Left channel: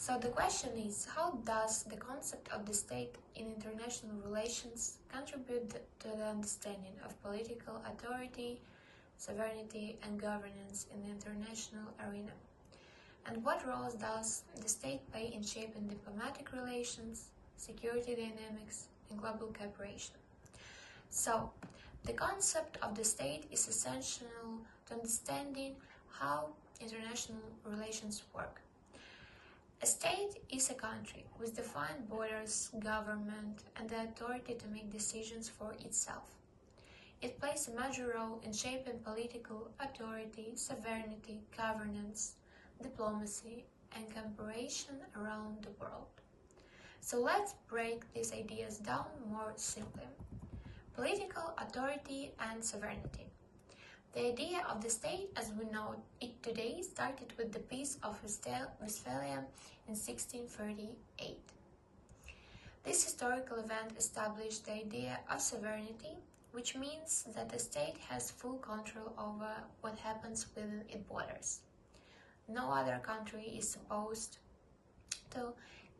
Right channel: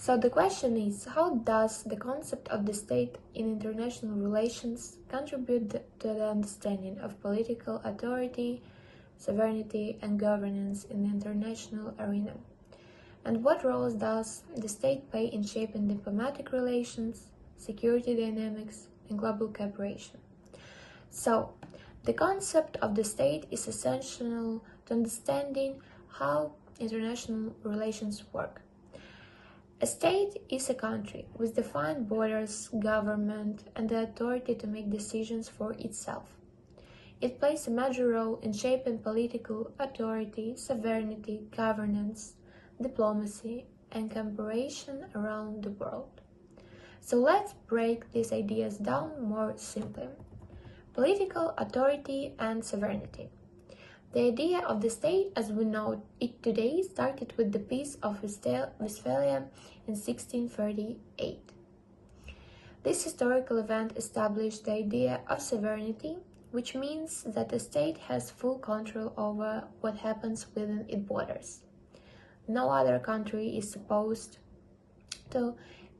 So the question is, how does the concept of the state in international relations contribute to the understanding of political authority, sovereignty, and governance in the international arena? And what roles does the state play in shaping diplomatic relations, security dynamics, and global cooperation? So, the concept of the state is essential to understanding how international relations work. A state is a country with defined borders, government, and the authority to make decisions for itself. It plays a major role in shaping political authority, sovereignty, governance, diplomacy, and cooperation around the world. So let's break these ideas down more simply. Political authority and sovereignty. The idea of the state as we know it today started with the Peace of Westphalia in 1638. This historical event established the idea of sovereignty, which means that the state has full control over what happens within its borders. No other country is supposed to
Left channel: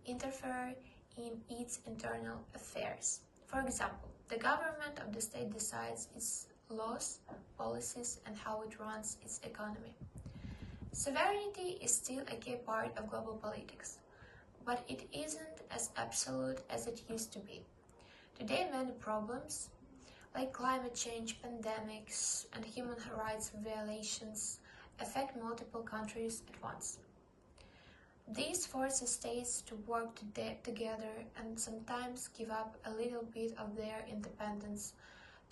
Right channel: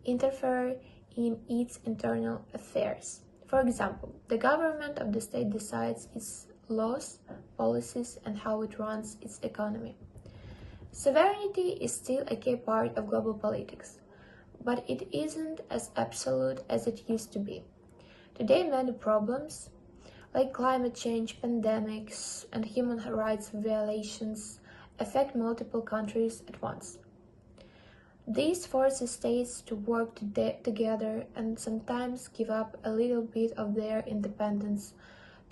interfere in its internal affairs. For example, the government of the state decides its laws, policies, and how it runs its economy. Sovereignty is still a key part of global politics, but it isn't as absolute as it used to be. Today, many problems, like climate change, pandemics, and human rights violations, affect multiple countries at once. This forces states to work together and sometimes give up a little bit of their independence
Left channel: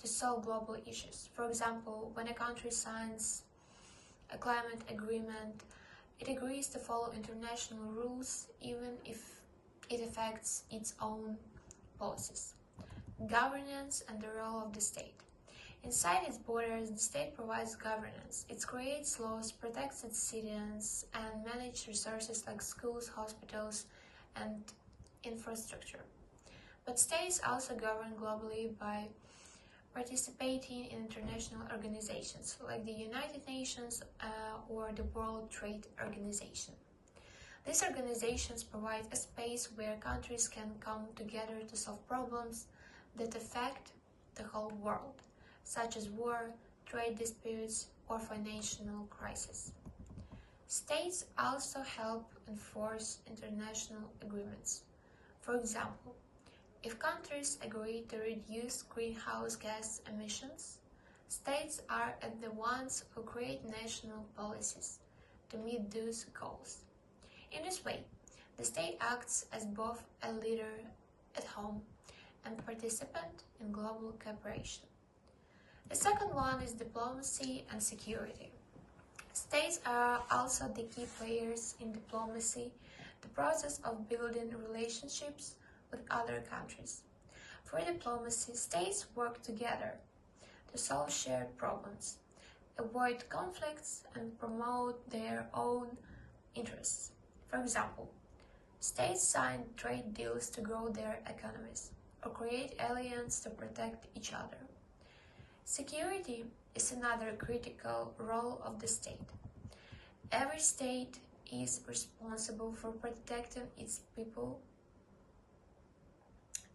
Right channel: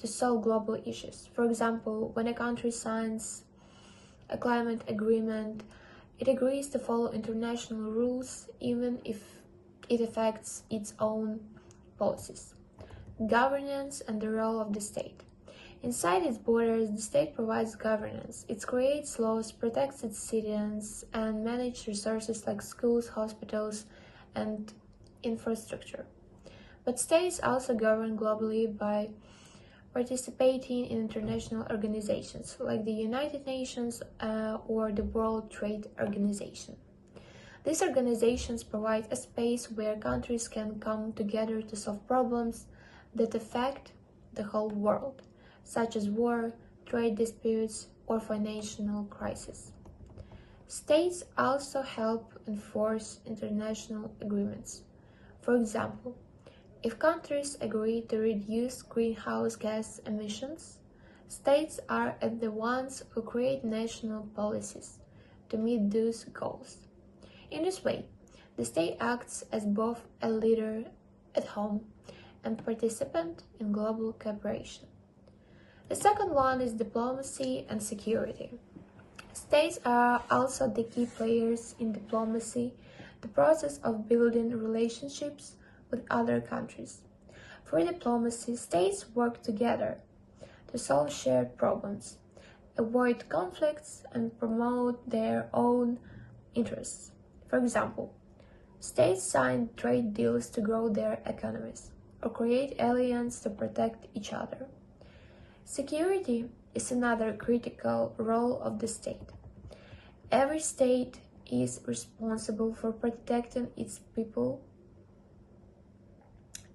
to solve global issues. For example, when a country signs a climate agreement, it agrees to follow international rules even if it affects its own policies. Governance and the role of the state. Inside its borders, the state provides governance. It creates laws, protects its citizens, and manages resources like schools, hospitals, and infrastructure. But states also govern globally by participating in international organizations like the United Nations or the World Trade Organization. These organizations provide a space where countries can come together to solve problems that affect the whole world, such as war, trade disputes, or financial crises. States also help enforce international agreements. For example, if countries agree to reduce greenhouse gas emissions, states are the ones who create national policies to meet those goals. In this way, the state acts as both a leader at home and participant in global cooperation. The second one is diplomacy and security. States are also the key players in diplomacy, the process of building relationships with other countries. For diplomacy, states work together to solve shared problems, avoid conflicts, and promote their own interests. For example, states sign trade deals to grow their economies or create alliances to protect each other. Security is another critical role of the state. Every state is responsible for protecting its people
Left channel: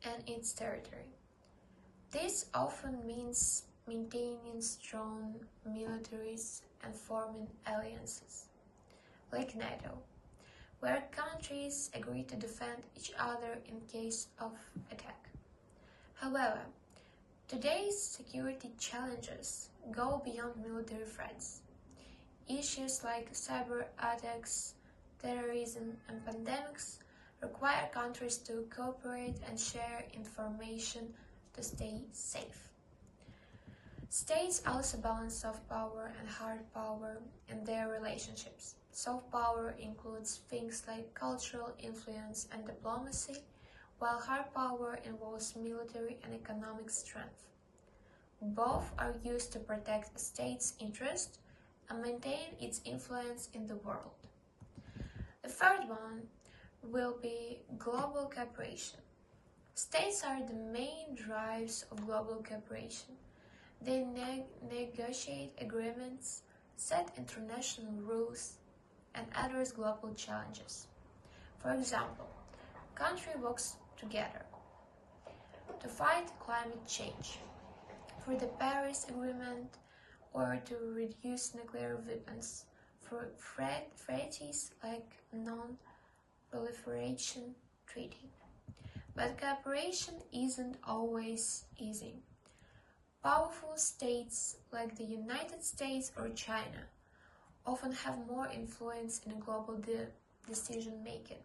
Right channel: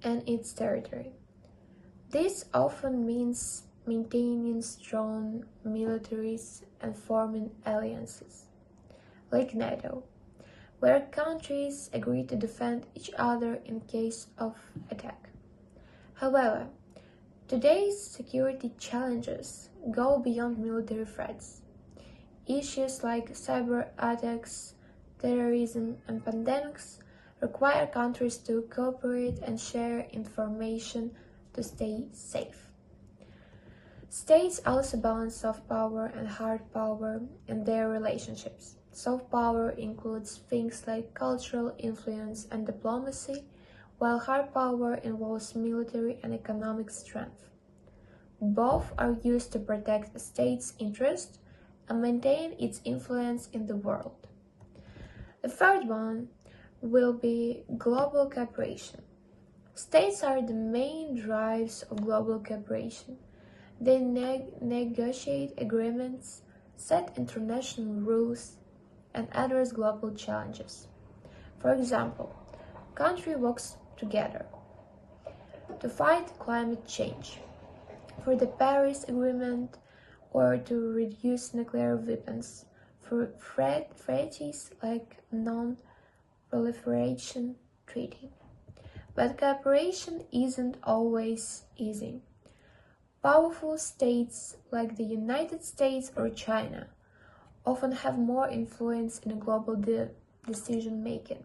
and its territory. This often means maintaining strong militaries and forming alliances, like NATO, where countries agree to defend each other in case of attack. However, today's security challenges go beyond military threats. Issues like cyber attacks, terrorism, and pandemics require countries to cooperate and share information to stay safe. States also balance soft power and hard power in their relationships. Soft power includes things like cultural influence and diplomacy, while hard power involves military and economic strength. Both are used to protect a state's interests and maintain its influence in the world. The third one will be global cooperation. States are the main drives of global cooperation. They negotiate agreements, set international rules, and address global challenges. For example, country works together to fight climate change, for the Paris Agreement, or to reduce nuclear weapons, for treaties like non-proliferation treaty. But cooperation isn't always easy. Powerful states like the United States or China often have more influence in global decision making,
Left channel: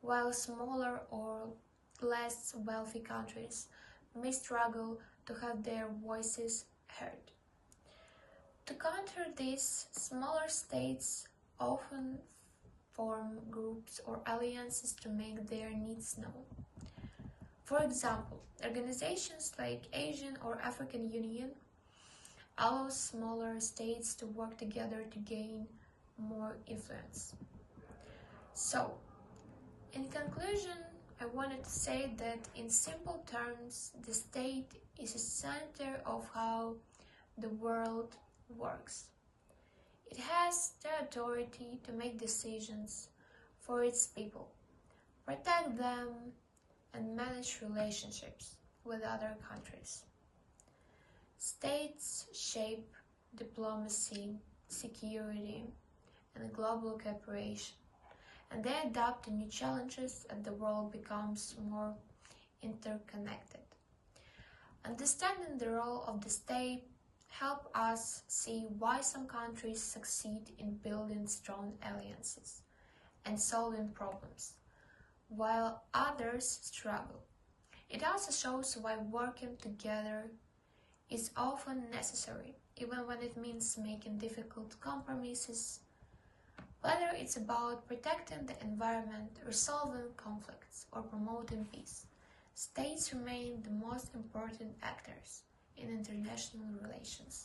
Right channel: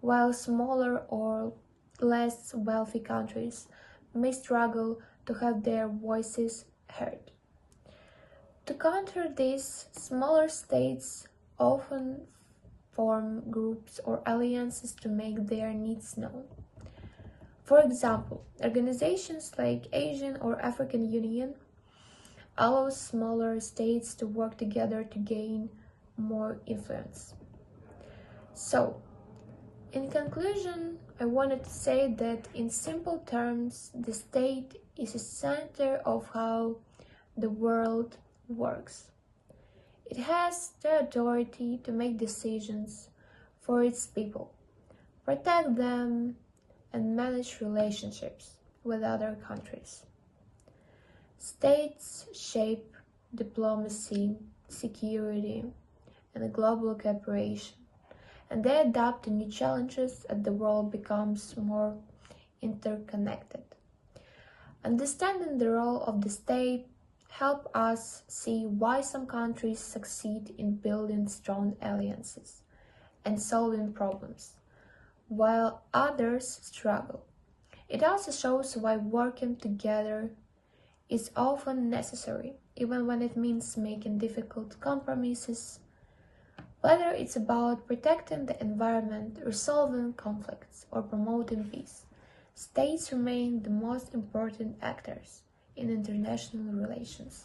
while smaller or less wealthy countries may struggle to have their voices heard. To counter this, smaller states often form groups or alliances to make their needs known. For example, organizations like Asian or African Union allow smaller states to work together to gain more influence. So, in conclusion, I wanted to say that in simple terms, the state is the center of how the world works. It has the authority to make decisions for its people, protect them, and manage relationships with other countries. States shape diplomacy, security, and global cooperation, and they adapt to new challenges as the world becomes more interconnected. Understanding the role of the state helps us see why some countries succeed in building strong alliances and solving problems, while others struggle. It also shows why working together is often necessary, even when it means making difficult compromises. Whether it's about protecting the environment, resolving conflicts, or promoting peace, states remain the most important actors in international relations.